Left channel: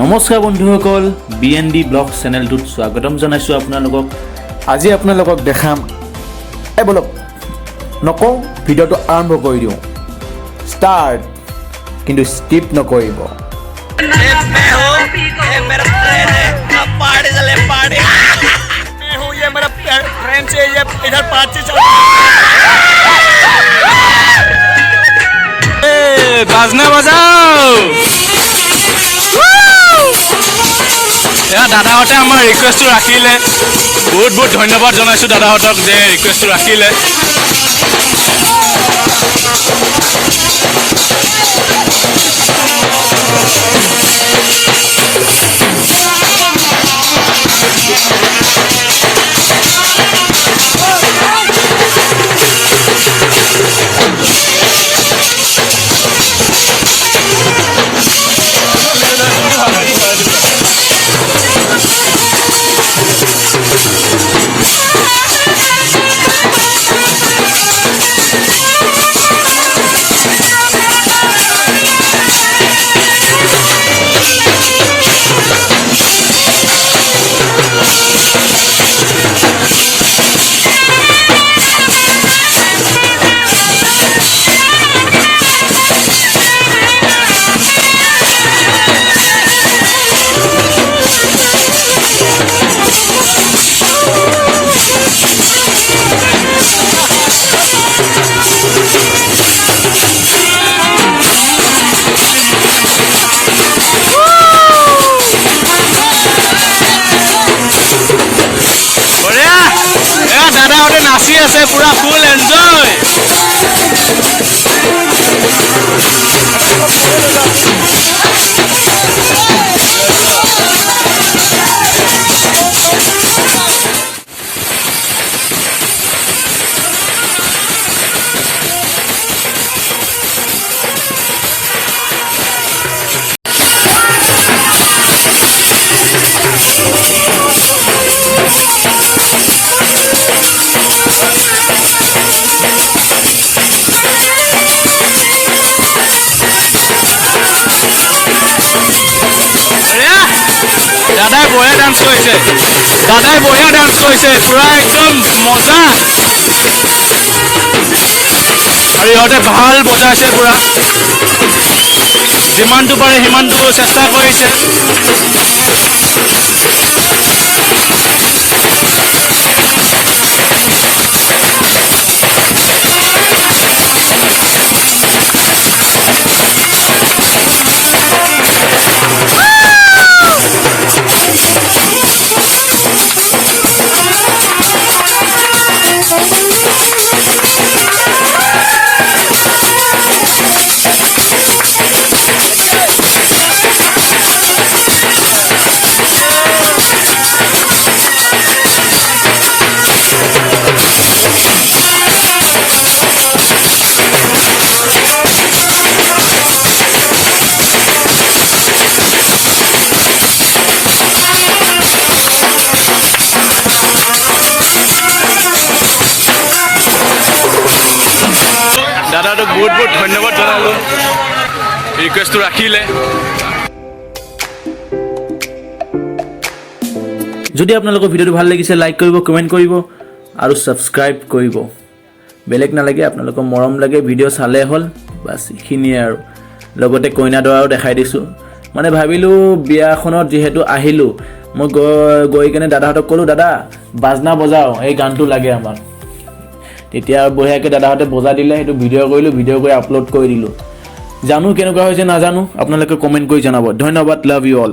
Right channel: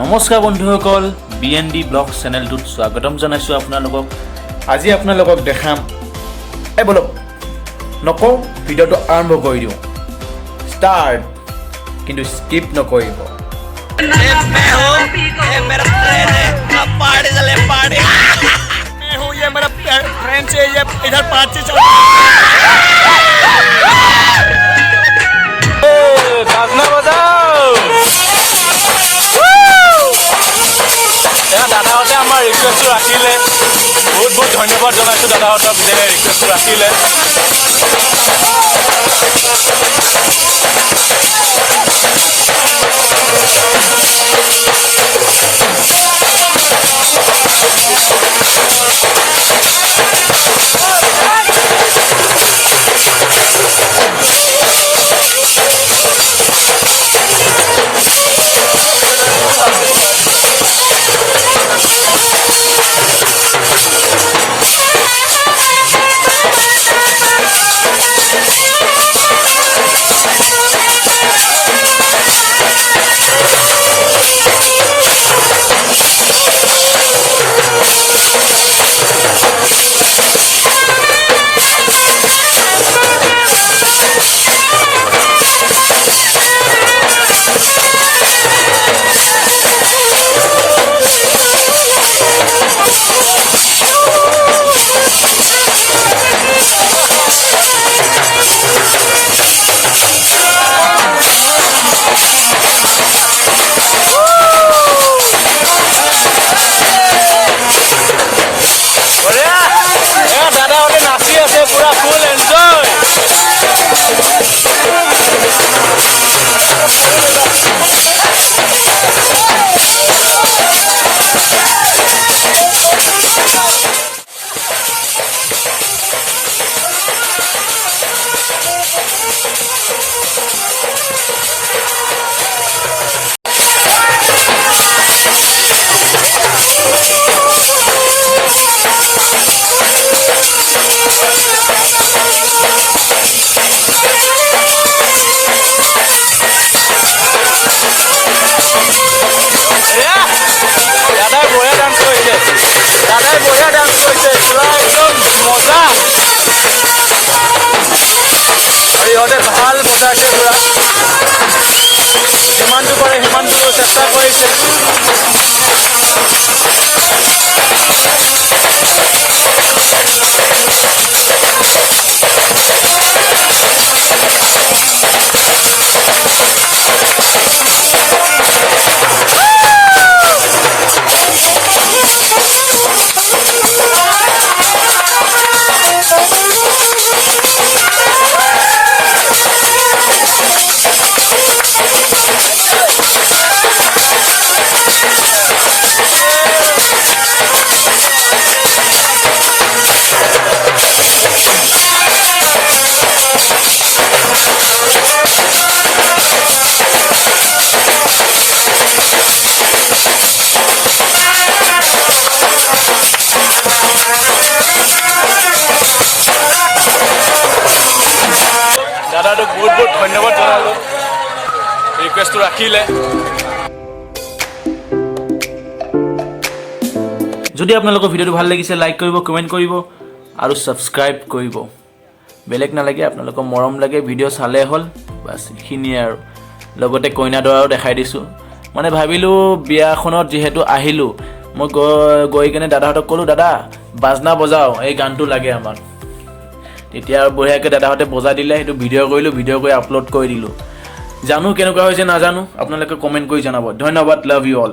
নমস্কাৰ বন্ধুসকল, BND blog চেনেলটোত স্বাগতম জনাইছোঁ আপোনালোকক। আজি আপোনালোকক দেখাম বলক নকওঁ, ভিডিঅ'টো আৰম্ভ কৰি দিওঁ। ষ্টাৰ্ট, কিন্তু স্কিপ নকৰিব। বাজনা বাজাও। দাদাহঁতে আমাৰ ৰিকুৱেষ্টটো ৰাখিলে, বহুত বহুত ধন্যবাদ জনাইছোঁ দাদাহঁতক যে ৰিকুৱেষ্টটো ৰাখিলে। দাদাহঁতে নাচি আছে, পুৰা ফুল এনজয়। দাদাই বঢ়িয়া ডান্স কৰিছে, পুৰা একদম মজা। আৰু ইহঁতে ভাল বজাইছে, পুৰা যিমানটো পাৰে সিমানটো চেষ্টা কৰিছে। দাদাটোক বহুত বহুত ধন্যবাদ জনালোঁ, ৰিকুৱেষ্টটো ৰাখিলে। যদি আপোনালোকৰ ভিডিঅ'টো ভাল লাগিছে, লাইক কৰিব, কমেণ্ট কৰিব আৰু ছাবস্ক্ৰাইব কৰিব। বেলেগ নালাগে, আপোনালোকৰ মৰম লাগে, ভিডিঅ' চালে হ'ল, বাছ এইখিনিয়ে আৰু। লগতে কইনা দৰাও দেখাই দিছোঁ। মানে ভাবিলোঁ বিয়াখনত যিহেতু আহিলোঁ, মই গৈ কিনে দাদাহঁতক ক'লোঁ, দাদা বাজনা বজাওঁ, এই গানটো লাগে আমাক। তেতিয়া বঢ়িয়াকৈ দাদাহঁতে বজাই দিলে, সেইটো ভিডিঅ' কৰিলোঁ, ভিডিঅ' কৰি আপলোড কৰি দিলোঁ। জানো কেনেকুৱা হৈছে নাজানো, আপোনালোকে কমেণ্ট কৰি জনাব। ধন্যবাদ, লাভ ইউ অল।